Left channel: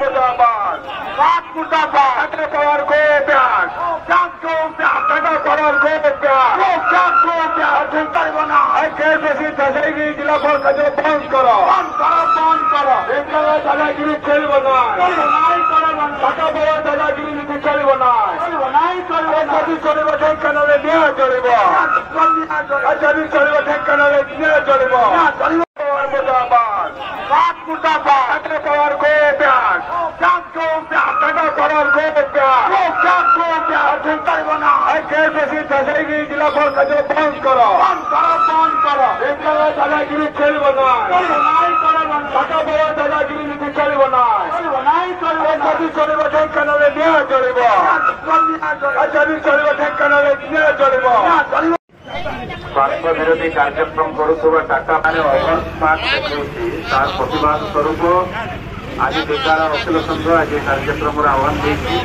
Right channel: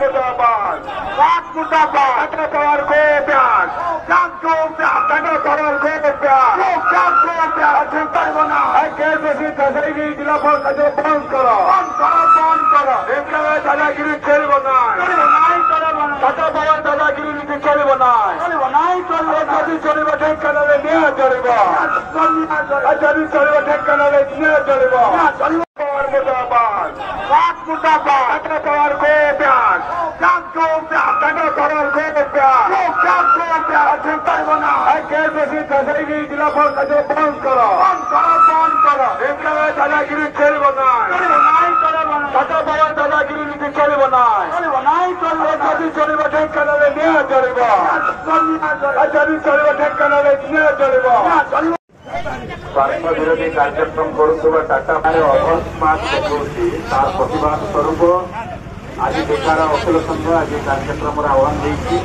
मुर्दाबाद टाटा पावर को प्यार टाटा पावर को प्यार केसीसी दशहरी जिला पंचायत बंद करो दादागिरी चलब ना टाटा पावर दादागिरी नीति चलब ना जदि चलब ढेंकानाले न्याय चलब जदि चलब ढेंकानाले न्याय चलब मुर्दाबाद टाटा पावर को प्यार टाटा पावर को प्यार केसीसी दशहरी जिला पंचायत बंद करो दादागिरी चलब ना टाटा पावर दादागिरी नीति चलब ना जदि चलब ढेंकानाले न्याय चलब जदि चलब ढेंकानाले न्याय चलब स्वार्थ विरोधी कार्यक्रम करुवा टाटा अकस्मात तार प्रतिवाद स्वरूप आज बेकार अखिल संघ आज कार्यक्रम आह्वान देती